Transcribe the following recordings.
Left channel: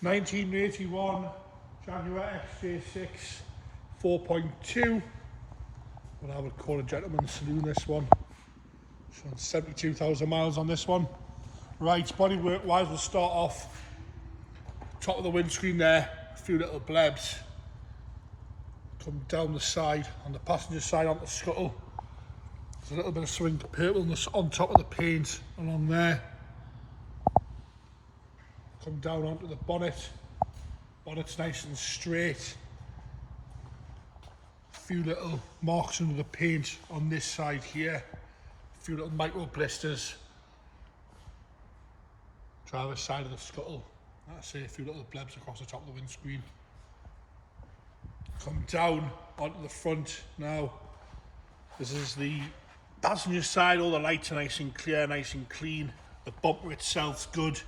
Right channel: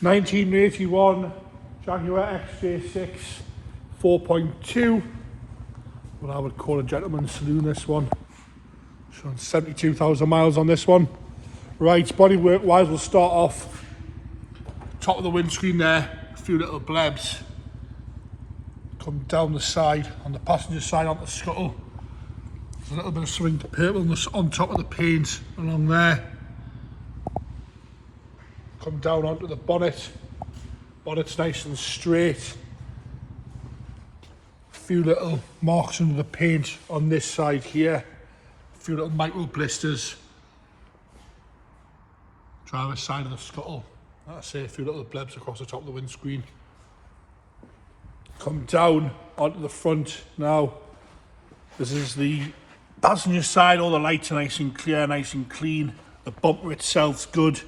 1981 Jaguar XJ6 4.2. What I would call a gentleman's saloon, this one. Showing 72,000 miles on this one. Right, bodywork wise, we'll start off top of the windscreen there, a few little blebs. Come down the side, on the passenger side on the scuttle. There's a little bit of something purple on top of the paint along there. Come down onto the bonnet. Bonnet's nice and straight. A few little marks under the paint on this side here. A few little micro blisters. Driver's side of the scuttle. Like I say, a few little blebs across the top of the windscreen. Come down onto the front now. This is the passenger side. All the lights are nice and clear, nice and clean. The bumper itself's good.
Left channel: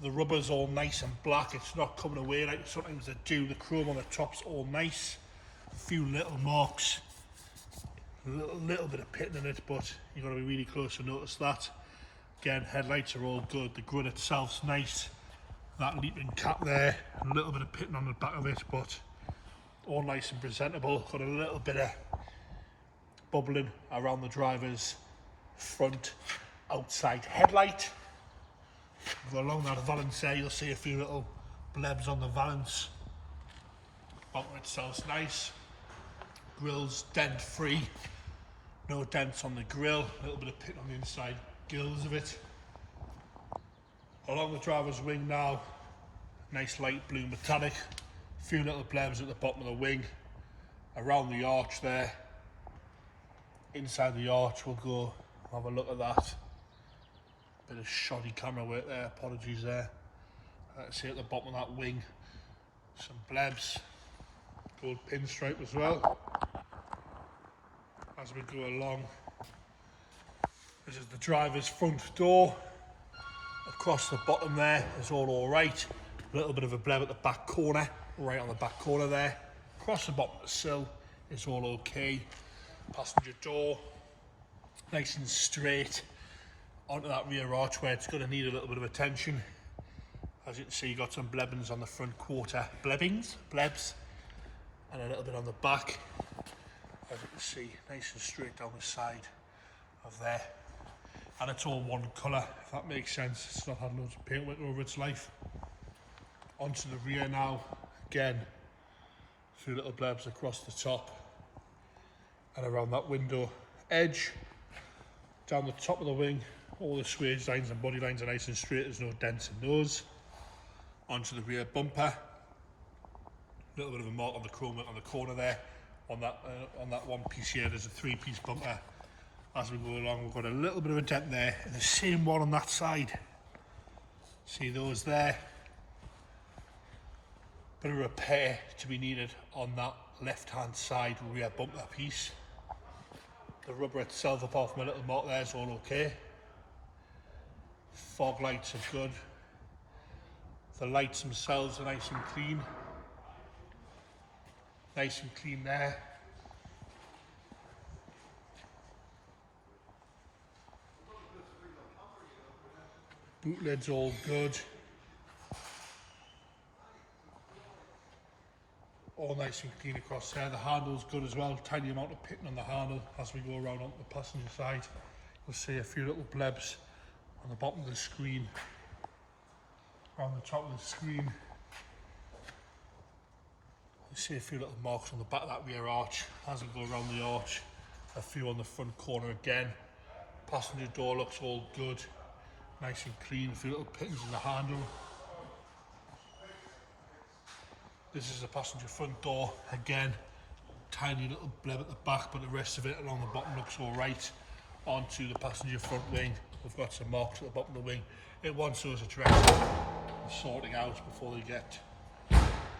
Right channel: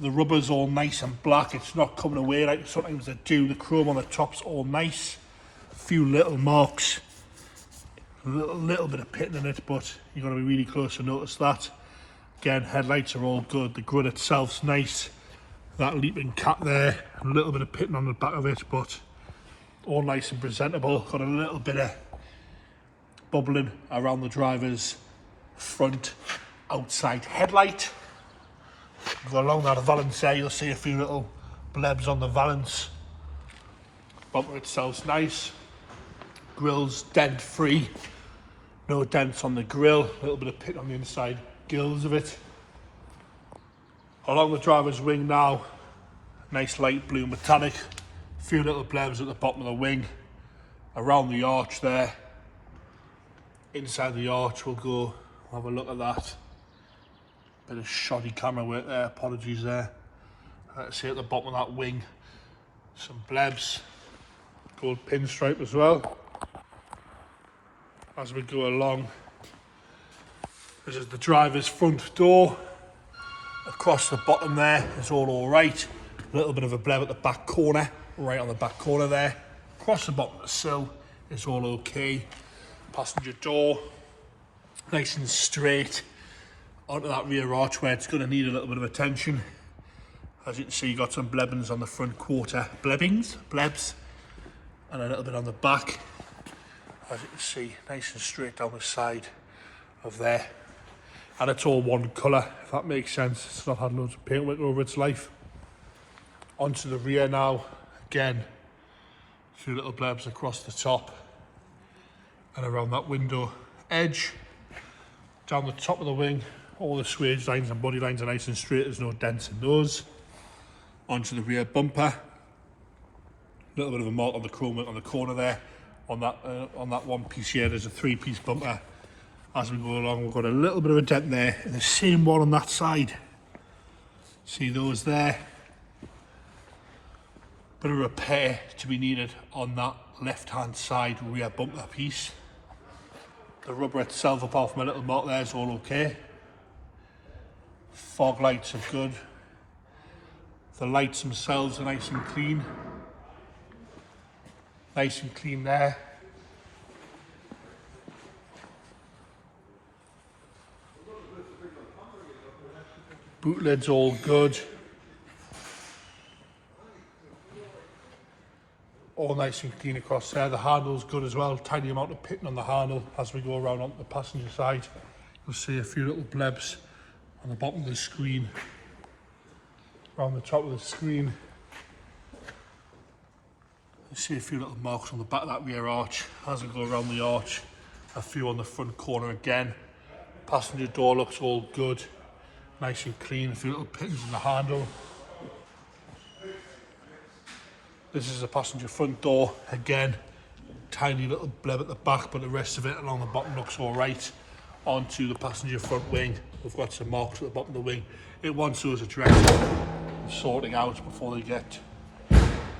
The rubber's all nice and black. It's not coming away like sometimes they do. The chrome on the top's all nice. A few little marks. A little bit of pitting in it, but you've got to be really close to notice that. Again, headlights are all good. The grille itself's nice. That leaping cat there, a little bit of pitting on the back of it, but all nice and presentable. Got a little bit of bubbling around the driver's front outside headlight. Go along that valance there, you'll see a few little blebs on the valance. Bumper itself's nice. Grille's dent free. No dents on the grille. A little bit of pit on the inside gills of it. Along the driver's wing now, nice light blue metallic. A few little blebs at the bottom of the wing. Around the arch there. Inside the arch we'll go have a look at that. Bit of shoddy camera work there, apologies there. Let's see at the bottom of that wing, some blebs, gold pinstripe as well. As we go along, this is the driver's front door. Across the bottom there is all right. A little bit of a bleb at the back corner, right on the back corner there. Across the bottom of the sill is all okay. Passenger door, nice and straight. Onto that rear arch where it's going to need a little bit of attention. As you can see, you've got some blebbings on the front quarter. Blebs. And a little bit on the back. As you can see, nice and straight down the side of there. And it's all one colour, if that makes sense. It's not had loads of paint work over its life. Onto the rear now. Again, a few little blebs across the top. And around that window edge. Down the top of the wing. All the swage lines and body lines are nice and straight, there's no dents in those. Onto the rear bumper. A little bit of a mark on the chrome on the corner there. On that one piece here, there's a 3-piece bumper. As we go along, we've got a little bit of a dent there, and the same one on that side. See those there? Bit of repair to be needed on that left-hand side rear bumper piece. The rubber itself, apart from a little mark there, is all okay. Fog lights are good. The lights themselves are nice and clean. Nice and clean there. Boot lid's all good. All nice and clean across there. The handle's good as well. Tiny amount of pitting on the handle. As we go around onto the passenger side, you'll see a few little blebs on the bottom of the screen, around the top of the screen. You see a few little marks on the back of that rear arch. As we go around the arch, a few on the front corner again. Passenger door looks all good, nice and clean. A few little pins in the handle. This is the passenger front door again. Tiny little bleb at the back, but the rest of it along the bottom looks all right. Onto the passenger front wing, we've got some marks at the bottom of the wing. It wants those addressed, sorting out before they get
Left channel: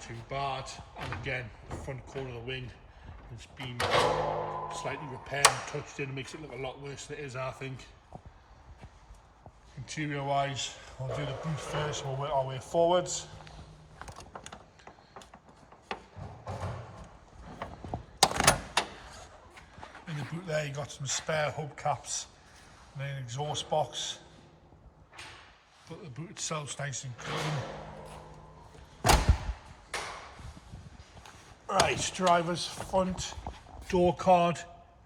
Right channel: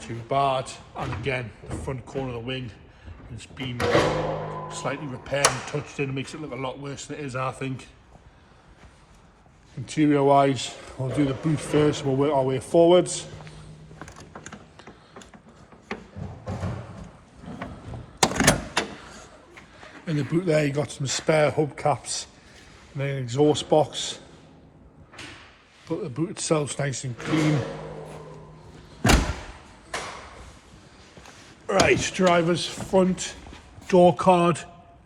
too bad. And again, the front corner of the wing has been slightly repaired and touched in. It makes it look a lot worse than it is, I think. Interior wise, we'll do the boot first, we'll work our way forwards. In the boot there, you got some spare hubcaps and then an exhaust box. But the boot itself's nice and clean. Right, driver's front door card.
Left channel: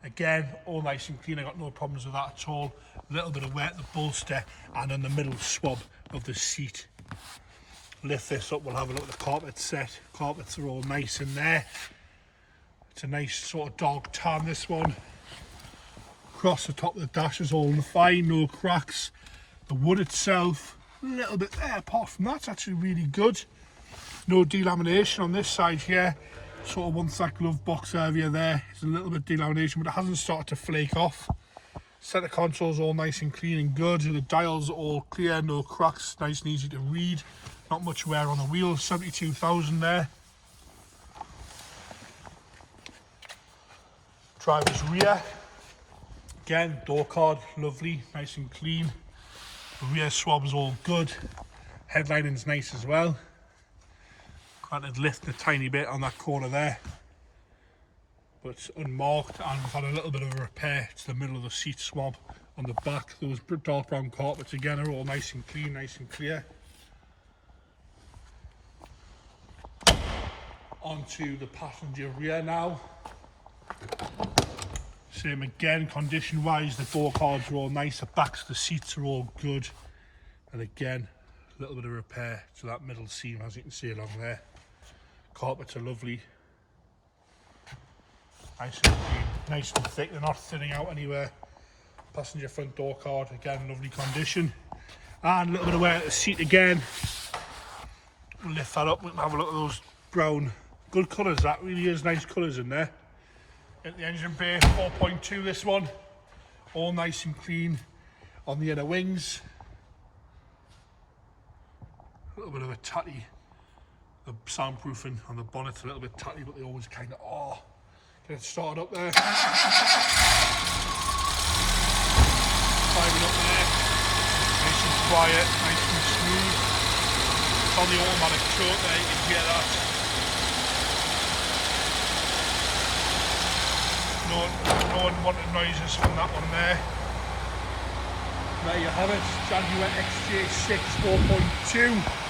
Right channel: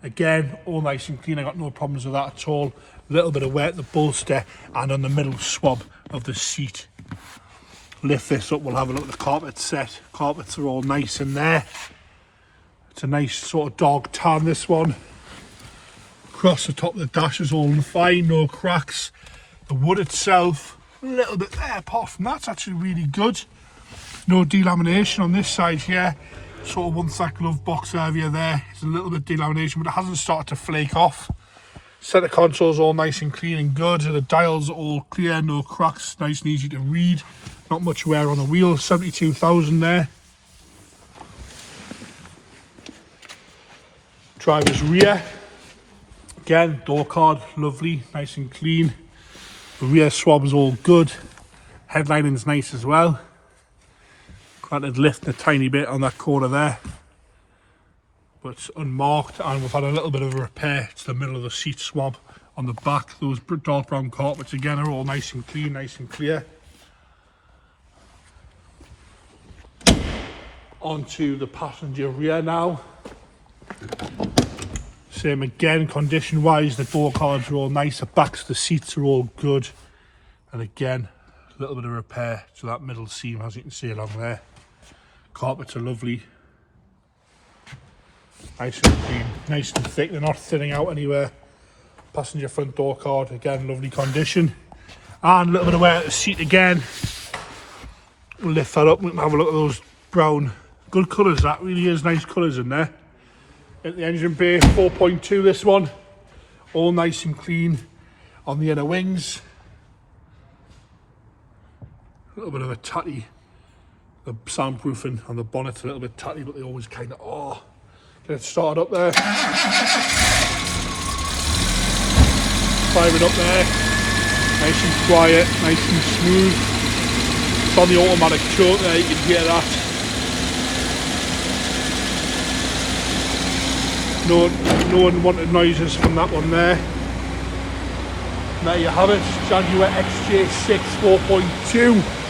Again, all nice and clean. I got no problems with that at all. A little bit of wear at the bolster and on the middle swab of the seat. Lift this up, we'll have a look at the carpet set. Carpets are all nice in there. It's a nice sort of dog tan, this one. Across the top of the dash is all fine, no cracks. The wood itself, a little bit there, apart from that, it's actually really good. No delamination on this side here. Sort of one side glove box area there. It's a little bit delamination, but it hasn't started to flake off. Centre console's all nice and clean and good. The dials are all clear, no cracks, nice and easy to read. Not much wear on the wheels, 72,000 there. Driver's rear. Again, door card, lovely, nice and clean. The rear swab is all good. Headlining's nice as well. Granted, lifting a tiny bit on that corner there, but it's unmarked, and we've had a little bit of a repair to the middle of the seat swab on the back. Those dark brown carpets again are all nice and clean, nice and clear. Onto the passenger rear now. Same again, condition wise, the door cards are all nice, the backs of the seats are all good, and again, a little bit of repair to that middle seam, as you can see along there. Carpets are lovely, nice and clean, nice and thick, they're not thinning out anywhere. Passenger front door card, again, lovely condition. And a little bit of wear at the seat again. We'll lift that up, we can have a look at those brown, good colours, that really is nice colours in there. At the engine bay, 4.2 this one, all nice and clean on the inner wings. A little bit of a tatty, the soundproofing on the bonnet's a little bit tatty, but they always kind of are. Get it started up there. Fire it up there, nice and quiet, nice and smooth. It's on the automatic choke there, you can hear that. No unwanted noises from that one there. And there you have it, Jaguar XJ6 4.2.